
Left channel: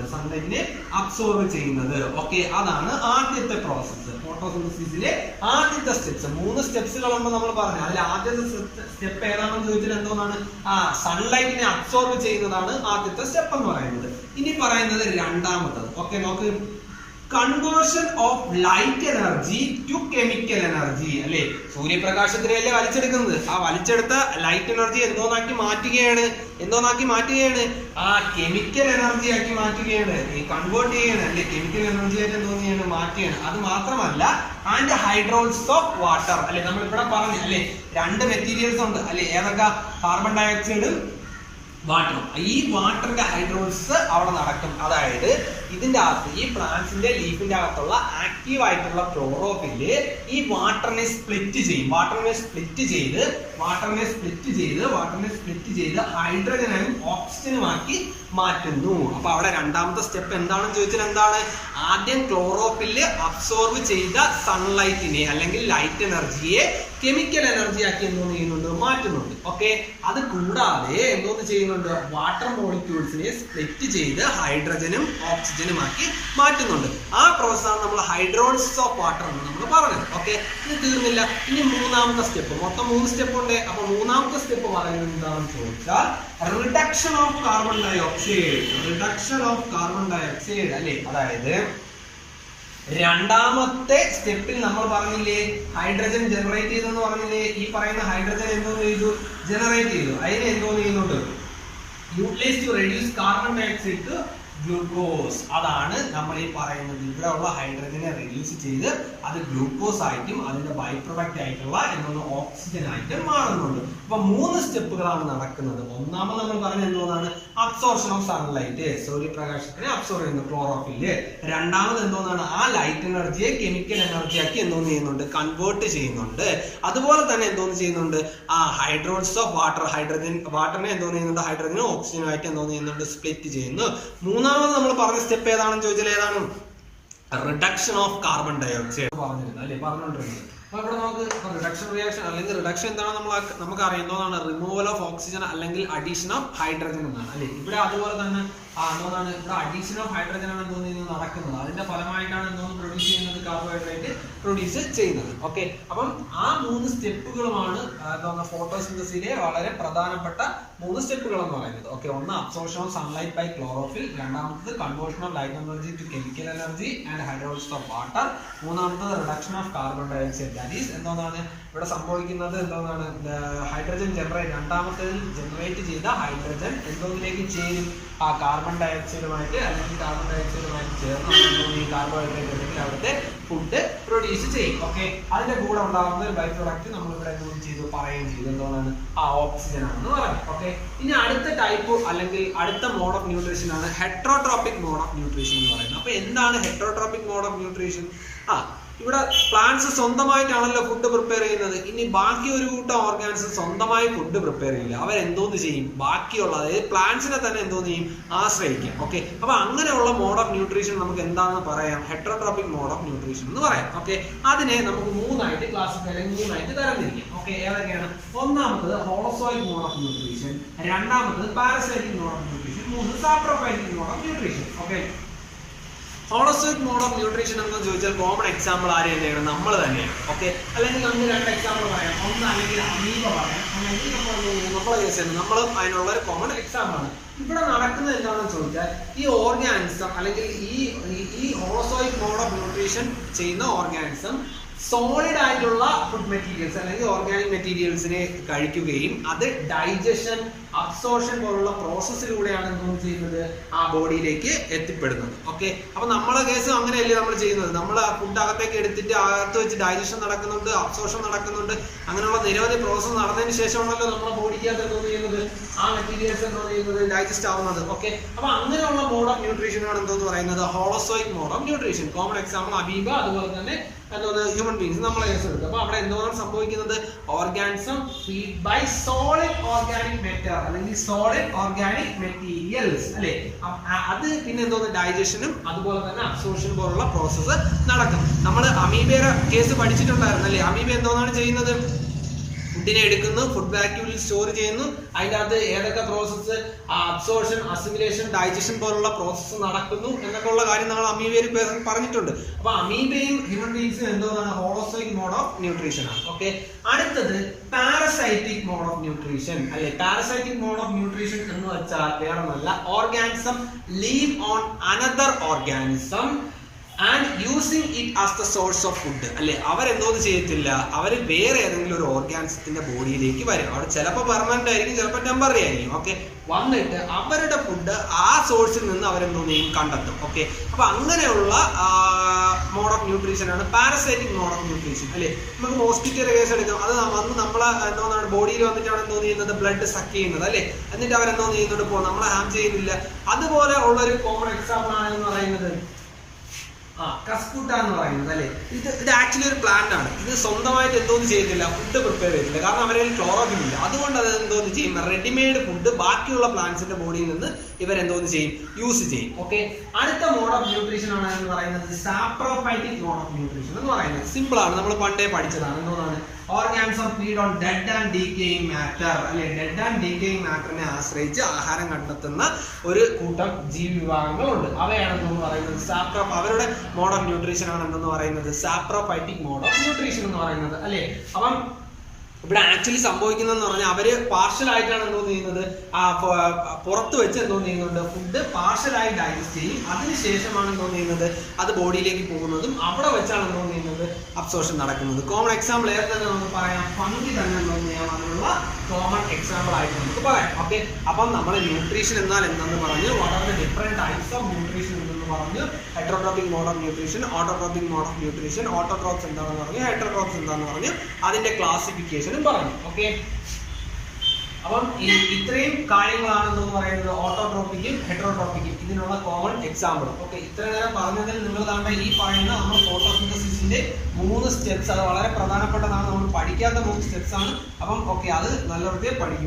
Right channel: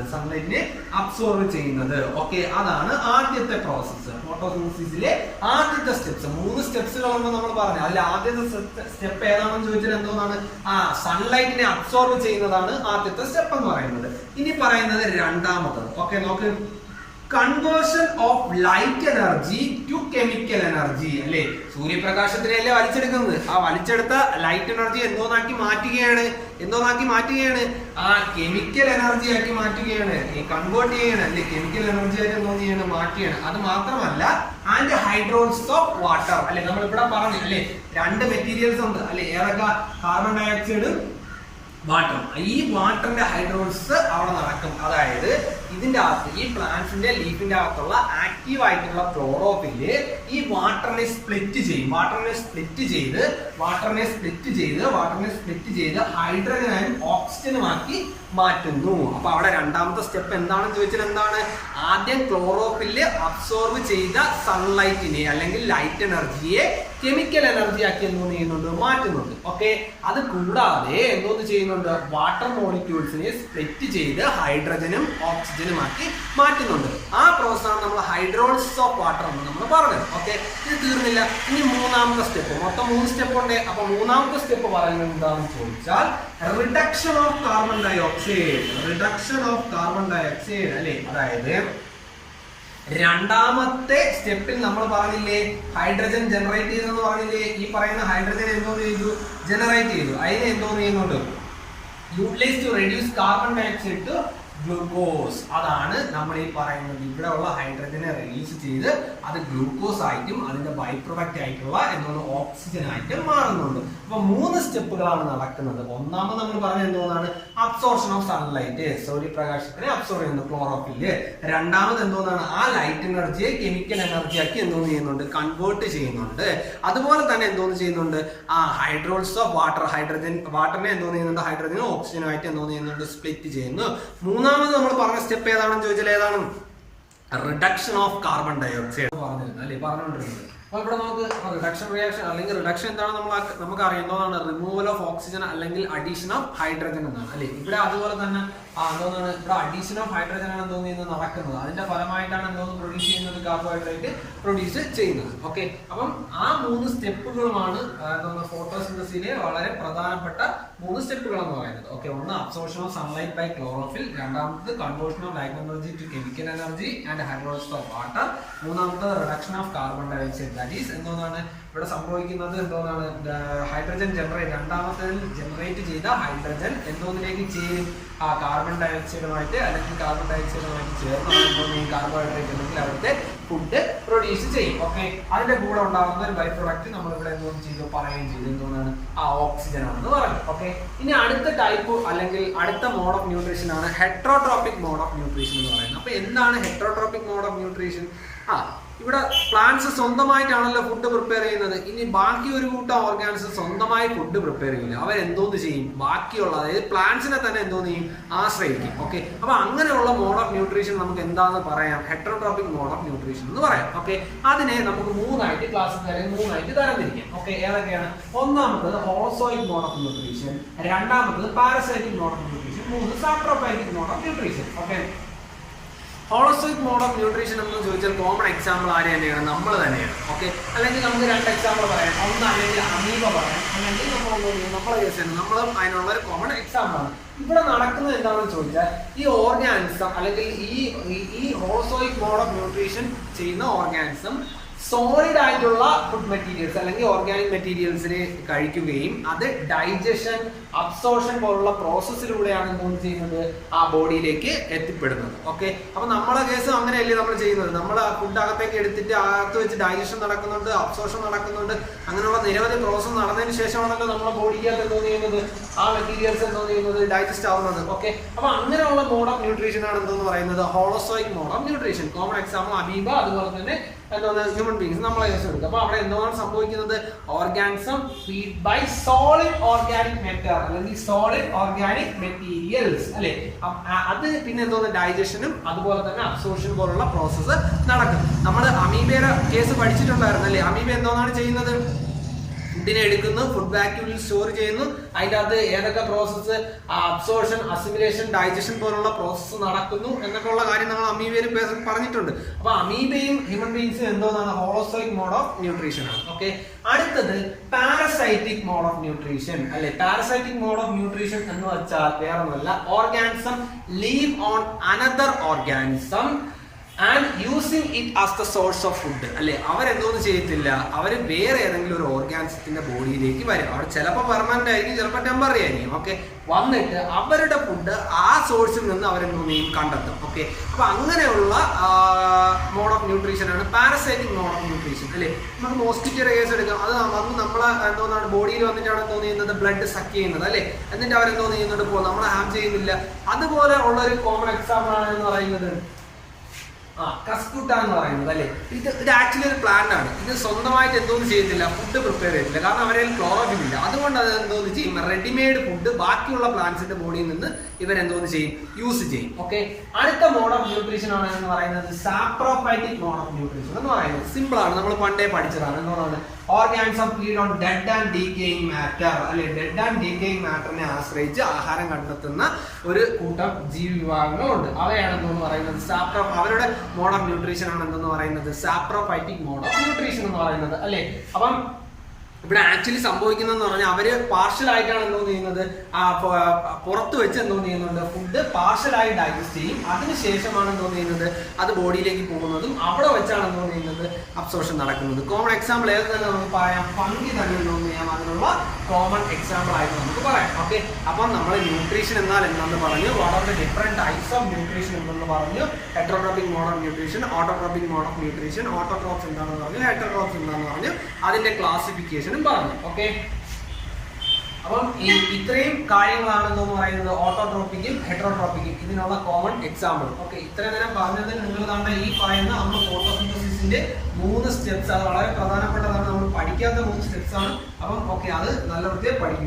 ഓക്കെ, അതാണ് ആദ്യത്തെ പ്രോസസ്സ്. ഫോട്ടോസിന്തസിസിലെ ആദ്യത്തെ സ്റ്റെപ്സ് 3 സ്റ്റെപ്സുകളുണ്ട് നമ്മൾ പറഞ്ഞു. അതിൽ ആദ്യത്തെ സ്റ്റെപ്പ് ഏതാണെന്ന് ചോദിച്ചാൽ എന്തോന്നാണ്, സൺലൈറ്റിനെ അബ്സോർബ് ചെയ്യുന്നതാണ് ആദ്യത്തെ സ്റ്റെപ്പ് എന്ന് പറയുന്നത്. ഇനി പറയുന്നത് രണ്ടാമത്തത്. ഓക്കെ, നോക്ക്, conversion of light energy to chemical energy അല്ലെ. സൂര്യപ്രകാശത്തിനല്ലേ വലിച്ചെടുക്കുന്നത്, ആ വലിച്ചെടുത്ത ലൈറ്റ് എനർജി എന്തോന്നാക്കി മാറ്റുകയാണ്, കെമിക്കൽ എനർജി ആക്കി മാറ്റുകയാണ്, കൺവേർട്ട് ചെയ്യാണ് അല്ലെ. കെമിക്കൽ എനർജി ആയിട്ട് എന്തോന്ന് മാറ്റുകയാണ്. അത് മാത്രമല്ല, ആൻഡ് ഹൈഡ്രോളിസിസ് ഓഫ് വാട്ടർ അല്ലെ. നമ്മൾ ഇവിടെ പറഞ്ഞു അല്ലെ, 2 മെറ്റീരിയൽസ് ഉണ്ട് അല്ലെ. ഏതൊക്കെ, കാർബൺ ഡൈ ഓക്സൈഡും വാട്ടറും. ഈ വാട്ടറിന്റെ ഹൈഡ്രോളിസിസ് അവിടെ നടക്കും. അതായത് ഇതിന്റെ അകത്ത് ഈ പ്ലാന്റ്സിന്റെ ലീഫിന്റെ അകത്തുള്ള ആക്റ്റീവ് ആയിട്ടുള്ള ക്ലോറോഫില് ഈ വാട്ടറിനെ സ്പ്ലിറ്റ് ചെയ്ത് ഹൈഡ്രജനും ഓക്സിജനും ആക്കി മാറ്റുന്നു. അപ്പൊ അവിടെ രണ്ടാമത്തെ സ്റ്റെപ്പ് എന്താണെന്ന് ചോദിച്ചാൽ എന്താണ്, ആദ്യം ക്ലോറോഫില് അബ്സോർബ് ചെയ്ത സൺലൈറ്റിനെ അല്ലെങ്കിൽ ലൈറ്റ് എനർജിയെ കെമിക്കൽ എനർജി ആക്കി എന്തോന്ന് ചെയ്യുന്നുണ്ട്, മാറ്റുന്നുണ്ട്. ഓക്കെ, അത് കൂടാതെ എന്തോന്ന് ചെയ്യുന്നുണ്ട്, വാട്ടർ മോളിക്യൂൾസിനെ സ്പ്ലിറ്റ് ചെയ്ത് ഹൈഡ്രജനും ഓക്സിജനും ആക്കി മാറ്റുന്നുണ്ട്. ആ പ്രോസസ്സാണ് നമ്മൾ ഹൈഡ്രോളിസിസ് ഓഫ് വാട്ടർ എന്ന് നമ്മൾ പറഞ്ഞത്. ഓക്കെ, ഇത് തീർന്നില്ല. ഇനി മൂന്നാമത്തെ സ്റ്റെപ്പ്, മൊത്തം 3 സ്റ്റെപ്പ് ഉണ്ട്. അപ്പൊ മൂന്നാമത്തെ സ്റ്റെപ്പ് പറയുന്നത് എന്താണെന്ന് ചോദിച്ചാൽ reduction of carbon dioxide അല്ലെ. അതായത് രണ്ടാമത്തെ സ്റ്റെപ്പിൽ നമ്മൾ പറഞ്ഞില്ലേ ഹൈഡ്രജൻ ജനറേറ്റ് ചെയ്തെന്ന് പറഞ്ഞില്ലേ. ഈ പറയുന്ന ഹൈഡ്രജൻ എന്തോന്ന് ചെയ്തു? ജനറേറ്റ് ചെയ്തു. അതിനെ എന്തോന്ന് ചെയ്യുന്നുണ്ട്? Utilise to reduce carbon dioxide to glucose. അതാണ് നമ്മൾ ഈ പറയുന്നത്. ഇവിടെ ഉള്ള ഹൈഡ്രജനെ റിലീസ് ചെയ്ത് അത് ഗ്ലൂക്കോസ് ആയിട്ടും അതിന്റെ ബൈ പ്രൊഡക്റ്റ് ആയിട്ടുള്ള എന്തോന്ന് ഓക്സിജൻ ആയിട്ടും മാറുന്നുണ്ട്. അപ്പൊ 3 സ്റ്റെപ്പുകളാണ് നടക്കുന്നത്. ഒന്നാമത് നമ്മൾ പറഞ്ഞ എന്തോന്നാണ്? അബ്സോർപ്ഷൻ ഓഫ് സൺലൈറ്റ്, സൂര്യപ്രകാശത്തിനെ അബ്സോർവ് ചെയ്യുന്നു ക്ലോറോഫില്. രണ്ടാമത് എന്തോന്നാണ്? ആ ലൈറ്റ് എനർജിയെ കെമിക്കൽ എനർജി ആക്കി എന്തോന്ന് ചെയ്യുന്നുണ്ട്? കൺവേർട്ട് ചെയ്യുന്നുണ്ട്. അതുപോലെ തന്നെ എന്തോന്ന് ചെയ്യുന്നുണ്ട്? ആ ഹൈഡ്രോൾസ് ഓഫ് വാട്ടർ, വാട്ടറിനെ എന്തോന്ന് ചെയ്യുന്നുണ്ട്? ഹൈഡ്രജനും ഓക്സിജനും ആയിട്ട് എന്തോന്ന് ചെയ്യുന്നുണ്ട്? സ്പ്ലിറ്റ് ചെയ്യുന്നു. മൂന്നാമത് നമ്മൾ പറഞ്ഞ സ്റ്റെപ്പ് ഏതാണെന്ന് ചോദിച്ചാൽ ഏതാണ്? റിഡക്ഷൻ ഓഫ് കാർബൺ ഡയോക്സൈഡ് പറഞ്ഞിരുന്നത് അല്ലേ, പറഞ്ഞുകൊണ്ടിരുന്നത്. അപ്പൊ ഇവിടെ നമുക്ക് റിഡക്ഷൻ റിയാക്ഷൻ അല്ലെങ്കിൽ റിഡക്ഷൻ എന്താണ് നമുക്ക് അറിയാം എന്തോന്നാണ്? റിമൂവൽ ഓഫ് ഓക്സിജൻ അല്ലെങ്കിൽ അഡീഷൻ ഓഫ് ഹൈഡ്രജൻ എന്നാണ് അല്ലെ. ഇവിടെ അതുപോലെ തന്നെ എന്തോന്നാണ്? ഇവിടെ അഡീഷൻ ഓഫ് ഹൈഡ്രജൻ ആണ് എന്തോന്ന് ചെയ്യുന്നത്? നടക്കുന്നത്. അതിന്റെ ഫലമായിട്ടാണ് എന്തോന്ന് പ്രൊഡ്യൂസ് ചെയ്യുന്നത്? കാർബോഹൈഡ്രേറ്റ് പ്രൊഡ്യൂസ് ചെയ്യുന്നത്. ഓക്കെ, അപ്പം ആ 3 സ്റ്റെപ്പുകളുമാണ് എന്തോന്ന് ഫോട്ടോസിന്തസിലെ വളരെ പ്രധാനപ്പെട്ട 3 സ്റ്റെപ്പുകൾ എന്ന് പറയുന്നത്. ഓക്കെ, ഒന്ന് absorption of sunlight by chlorophyll, രണ്ടാമത്തത് conversion of light energy to chemical energy and hydrolysis of water, മൂന്നാമത്തത് reduction of carbon dioxide. That is എന്തോന്നാണ് ഇവിടെ സംഭവിക്കുന്നത്? എന്തോന്നാണ്? ഹൈഡ്രജൻ രണ്ടാമത്തേതിൽ ജനറേറ്റ് ചെയ്ത ഹൈഡ്രജൻ എന്തോന്നിലേക്ക് ചേരും? ആ കാർബൺ ഡയോക്സൈഡുമായിട്ട് അല്ലെങ്കിൽ കാർബൺ ഡയോക്സൈഡുമായിട്ട് ചേർന്ന് എന്തോന്ന് ഈ കാർബോഹൈഡ്രേറ്റ് അല്ലെങ്കിൽ അവിടുത്തെ ഫുഡ് പ്രൊഡ്യൂസ് ചെയ്യും. ഓക്കെ, അതിന്റെ കൂടെ ഉണ്ടാകുന്ന ഒരു ബൈ പ്രൊഡക്റ്റ് നമ്മൾ ഇവിടെ എന്തോന്ന് ചെയ്തു? പറയുകയും ചെയ്തു. എന്തോന്നാണ്? ആ ഓക്സിജൻ ആണെന്ന് പറഞ്ഞു. ഓക്കെ, ഇനി അടുത്ത ടൈപ്പ് അല്ലെങ്കിൽ അടുത്ത മോഡ് ഓഫ് ന്യൂട്രീഷൻ ആണ് ഹെറ്ററോട്രോപിക് മോഡ് ഓഫ് ന്യൂട്രീഷൻ എന്ന് പറയുന്നത്. അപ്പൊ എന്താണ് ഹെറ്ററോട്രോപിക് മോഡ് ഓഫ് ന്യൂട്രീഷൻ? ഇവിടെ പ്ലാന്റ്സ് സ്വന്തമായിട്ടാണല്ലോ ഫുഡ് പ്രിപ്പയർ ചെയ്യുന്നത്. ഇനി ബാക്കി ഒരു കൂട്ടം ഓർഗാനിസം സ്വന്തമായി ഫുഡ് പ്രിപ്പയർ ചെയ്യില്ല. അവരെന്തോന്ന് ചെയ്യും? ബാക്കിയുള്ള അതായത് പ്ലാന്റ്സിനെ തന്നെ എന്തോന്ന് ചെയ്യും? ആശ്രയിക്കും. ഓക്കെ, അപ്പൊ അങ്ങനെയുള്ള മോഡ് ഓഫ് ന്യൂട്രീഷൻ നമുക്ക് എന്താണെന്ന് പറയാം? ഹെറ്ററോട്രോപിക് മോഡ് ഓഫ് ന്യൂട്രീഷൻ എന്ന് പറയാം. ഓക്കെ, അതിനെ നമുക്ക് 3 ക്ലാസ്സിൽ അല്ലെങ്കിൽ 3 തരംതിരിക്കാം. ഓക്കെ, ഏതൊക്കെയാണ്? ഒന്നാമത്തത് ഹോളോസോയിക് മോഡ് ഓഫ് ന്യൂട്രീഷൻ, രണ്ടാമത്തത് parasitic mode of nutrition, 3 saprophytic mode of nutrition. Okay, holozoic mode of nutrition എന്ന് ചോദിച്ചാൽ കോമൺ എക്സാമ്പിൾ ആര് തന്നെയാണ്? നമ്മൾ തന്നെയാണ്. ഓക്കെ, അല്ലെങ്കിൽ നമുക്ക് 2 എക്സാമ്പിൾ പറയാം. ഒന്ന് അല്ലെങ്കിൽ അമീബ പറയാം, അല്ലെങ്കിൽ നമ്മളെ കേസ് തന്നെ നമ്മളും അതിനുള്ള ഒരു കോമൺ എക്സാമ്പിൾ ആണ്. ഇവിടെ നടക്കുന്നത് എന്താണെന്ന് ചോദിച്ചാൽ ഈ ഓർഗാനിസം അല്ലെങ്കിൽ ഈ ഹോളോസോയിക് മോഡ് ഓഫ് ന്യൂട്രീഷൻ ചെയ്യുന്ന ഓർഗാനിസം സോളിഡ് ആയിട്ടുള്ള ഫുഡ് മെറ്റീരിയൽസ് അല്ലെങ്കിൽ ഓർഗാനിക് മെറ്റീരിയൽസിനെ കഴിക്കുകയും അത് ഡൈജഷൻ, അബ്സോർഷൻ പോലുള്ള പ്രോസസ്സിലൂടെയാണ് എന്തോന്ന് ചെയ്യുന്നത്? ആ ബോഡിയിലേക്ക് എത്തിപ്പെടുന്നത്. ഓക്കെ, അപ്പൊ നമ്മളെ കേസും അങ്ങനെയല്ലേ നമ്മൾ ചെയ്യുന്നത്? നമ്മൾ ഫുഡ് അകത്തേക്ക് എടുത്തിട്ട് അകത്ത് വെച്ച് ഡൈജഷൻ നടക്കുന്നുണ്ട്, അബ്സോർഷൻ നടക്കുന്നുണ്ട്. അങ്ങനെയുള്ള നിരവധി പ്രോസസ്സ് നടന്നതിന് ശേഷമാണല്ലോ നമ്മുടെ ബോഡിക്കകത്ത് എന്തോന്ന് ചെയ്യുന്നത്? ആ മെറ്റീരിയൽസ് എന്തോന്ന് ചെയ്യുന്നത്? ഡൈജസ്റ്റ് ആവുന്നത്. ഓക്കെ, അപ്പൊ അങ്ങനെയുള്ള മോഡ് ഓഫ് ന്യൂട്രീഷൻ ആണ് എന്തോന്ന് പറയുന്നത്? Holozoic mode of nutrition. Common example amoeba, അതുപോലെ തന്നെ എന്തോന്ന് ഹ്യൂമൻ ബീങ്സ് നമ്മളെ കേസ് എടുക്കുക. അപ്പൊ അവിടെ എന്താണ് സംഭവിക്കുന്നത്? Organism feed by solid organic matter അല്ലെങ്കിൽ സോളിഡ് ഓർഗാനിക് മെറ്റീരിയൽസ് അല്ലെ. അത് പിന്നെ എന്തോന്ന്? ഡൈജഷനും അതുപോലെ തന്നെ അബ്സോർഷൻ പോലുള്ള പ്രോസസ്സ് നടക്കും. നമ്മൾ അമീബയുടെ കേസ് പഠിച്ചിട്ടുണ്ടായിരുന്നു അല്ലെ. അമീബ എന്തോന്നാണ് ചെയ്യുന്നത്? ഫുഡിനെ എടുക്കുന്നു, ഫുഡ് വാക്യൂമിൽ സ്റ്റോർ ചെയ്യുന്നു. അതിൻ്റെ അകത്ത് ഏതൊക്കെ പ്രോസസ്സ്? അബ്സോർഷൻ, അസിമിലേഷൻ, ഡൈജഷൻ പോലുള്ള പ്രോസസ്സ് നടക്കുന്നു എന്നൊക്കെ ഉള്ള കാര്യം നമ്മൾ അമീബയിൽ പറഞ്ഞിട്ടുണ്ട്. അപ്പൊ അമീബയും ഹ്യൂമൻ ബീങ്സും എന്തോന്നാണ്? ഹോളോസോയിക് മോഡ് ഓഫ് ന്യൂട്രീഷൻ ആണ്. ഓക്കെ, അടുത്തത് പാരസൈറ്റിക് മോഡ് ഓഫ് ന്യൂട്രീഷൻ അല്ലെ. പാരസൈറ്റിക് മോഡ് ഓഫ് ന്യൂട്രീഷൻ എന്ന് വെച്ചാൽ വേറൊന്നുമല്ല, organism live on another organism and using it as the source of food അല്ലെ. അവരെന്തോന്ന് ചെയ്യത്തില്ല? അവർ വേറെ ഏതെങ്കിലും ഒരു ഓർഗാനിസത്തിന്റെ ബോഡിയിലേക്ക് വരും. അവിടെ ചിലപ്പോൾ പെർമനന്റ് ആയിരിക്കും, ചിലപ്പോൾ ടെമ്പററി ആയിരിക്കും. ഓക്കെ, വന്നിട്ട് അവരുടെ ഫുഡ് ആ സോഴ്സിൽ നിന്ന് അവരെന്തോന്ന് ചെയ്യും? കണ്ടെത്തും. ഓക്കെ, അപ്പൊ അങ്ങനെയുള്ള മോഡ് ഓഫ് ന്യൂട്രീഷൻ ആണ് പാരസൈറ്റിക് മോഡ് ഓഫ് ന്യൂട്രീഷൻ അല്ലെ. നമുക്ക് മോസ്കിറ്റോയുടെ കേസ് എടുക്കാം. അത് വന്ന് നമ്മളെ എന്തോന്നാണ് ബോഡിയിൽ വന്നിട്ടാണ് എന്തോന്ന് ചെയ്യുന്നത്? ബ്ലഡ് സക്ക് ചെയ്യുന്നത് അല്ലെ. എന്നിട്ട് അവരെന്തോന്ന് ചെയ്യുന്നുണ്ട്? നമ്മളെ ഹാം ചെയ്യുന്നില്ല. അതുപോലെ ഉള്ള ഒരു കോമൺ എക്സാമ്പിൾ ആണെന്ന് പറയുന്നത് കസ്കുട്ട എന്ന് പറയുന്നത് അല്ലെ. ഇത് ആക്ച്വലി ഒരു പ്ലാന്റ് ആണ്. ഇത് സ്വന്തമായിട്ട് എന്തോന്ന് ചെയ്യത്തില്ല? ഫുഡ് പ്രിപ്പയർ ചെയ്തില്ല. കാരണം അവരെ ക്ലോറോഫിൽ ഇല്ല. അതുകൊണ്ട് അത് എന്തോന്ന് ചെയ്യും? റെഡിമെയ്ഡ് ഫുഡ് ബാക്കിയുള്ള പ്ലാന്റ്സിന്റെ ബോഡിയിൽ നിന്ന് ഇവരെന്തോന്ന് ചെയ്യും? യൂസ് ചെയ്യും. ഓക്കെ, അടുത്ത മോഡ് ഓഫ് ന്യൂട്രീഷൻ ആണ് എന്ന് പറയുന്നത് സാപ്രോഫൈറ്റിക് മോഡ് ഓഫ് ന്യൂട്രീഷൻ എന്ന് പറയുന്നത്. സിമ്പിൾ ആണ്, നമ്മൾ പണ്ടേ പഠിച്ചതാണ്. എന്തോന്നാണ്? Organism feed on dead and decaying matter അല്ലെ. ഡെഡ് ആൻഡ് ഡീക്കേയിങ് മാറ്ററിനെ ആശ്രയിച്ച് ആഹാരം കണ്ടെത്തുന്ന ഒരു കൂട്ടം ജീവിവിഭാഗങ്ങളുണ്ട്. അവയാണ് എന്തോന്ന് പറയുന്നത്? അവരുടെ മോഡ് ഓഫ് ന്യൂട്രീഷൻ ആണ് എന്തെന്ന് പറയുന്നത്? സാപ്രോഫൈറ്റിക് മോഡ് ഓഫ് ന്യൂട്രീഷൻ എന്ന് പറയുന്നത് അല്ലെ. അപ്പം ഇവിടെ ആക്ച്വലി സംഭവിക്കുന്നതെന്ന് പറഞ്ഞാൽ അവര് പാർഷ്യൽ ആയിട്ടാണ് എന്തോ ചെയ്യുന്നത്, പുറത്ത് വെച്ച് എന്തോ ചെയ്യുന്നുണ്ട്, ഫുഡ് പാർഷ്യലായി ഡൈജസ്റ്റ് ചെയ്യും. അതിനുശേഷമാണ് എന്തോ ചെയ്യുന്നത്, അത് ബോഡിയിലേക്ക് പോകുന്നതും അവിടെ വെച്ചാണ് എന്തോ ചെയ്യുന്നത്, അബ്സോർഷൻ നടക്കുന്നത്. കോമൺ എക്സാമ്പിൾ ഏത് തന്നെ നമുക്ക് പറയാം, ഫംഗി തന്നെ എന്തോ ചെയ്യാം, അതിനുള്ള കോമൺ എക്സാമ്പിൾ ആയിട്ട് നമുക്ക് പറയാം. ഓക്കെ, അപ്പം നമ്മൾ ന്യൂട്രീഷൻ എന്നാൽ എന്താണെന്ന് പറഞ്ഞു, what are the different types of nutrition എന്തെന്ന് പറഞ്ഞു, heterotrophic mode of nutrition, autotrophic mode of nutrition, autotrophs എന്താണെന്ന് പറഞ്ഞു, ഹെറ്ററോട്രോപ്സ് എന്താണെന്ന് പറഞ്ഞു, അതിന്റെ ക്ലാസിഫിക്കേഷൻ പറഞ്ഞു. ഓക്കെ, അപ്പം ഇത്രയും കാര്യങ്ങളാണെന്ന് പറയുന്നത് ഓട്ടോട്രോപ്പിക്കും ഹെറ്ററോട്രോപ്പിക്കും ഇതിനുള്ള കോമൺ എക്സാമ്പിൾ. ഓക്കെ, ഇത്രയും നേരം പറഞ്ഞതിൽ നിങ്ങൾ കാണേണ്ട ഈ പറയുന്ന നമ്മൾ ഫോട്ടോസിന്തസിസിന്റെ 3 സ്റ്റെപ്സ്, അത് വളരെ പ്രധാനപ്പെട്ടതാണ്, നമ്മൾ പഠിക്കാത്ത 3 സ്റ്റെപ്സ് ആണ്. അപ്പം ഓക്കെ, അത് നല്ല വൃത്തിയായി പഠിക്കും.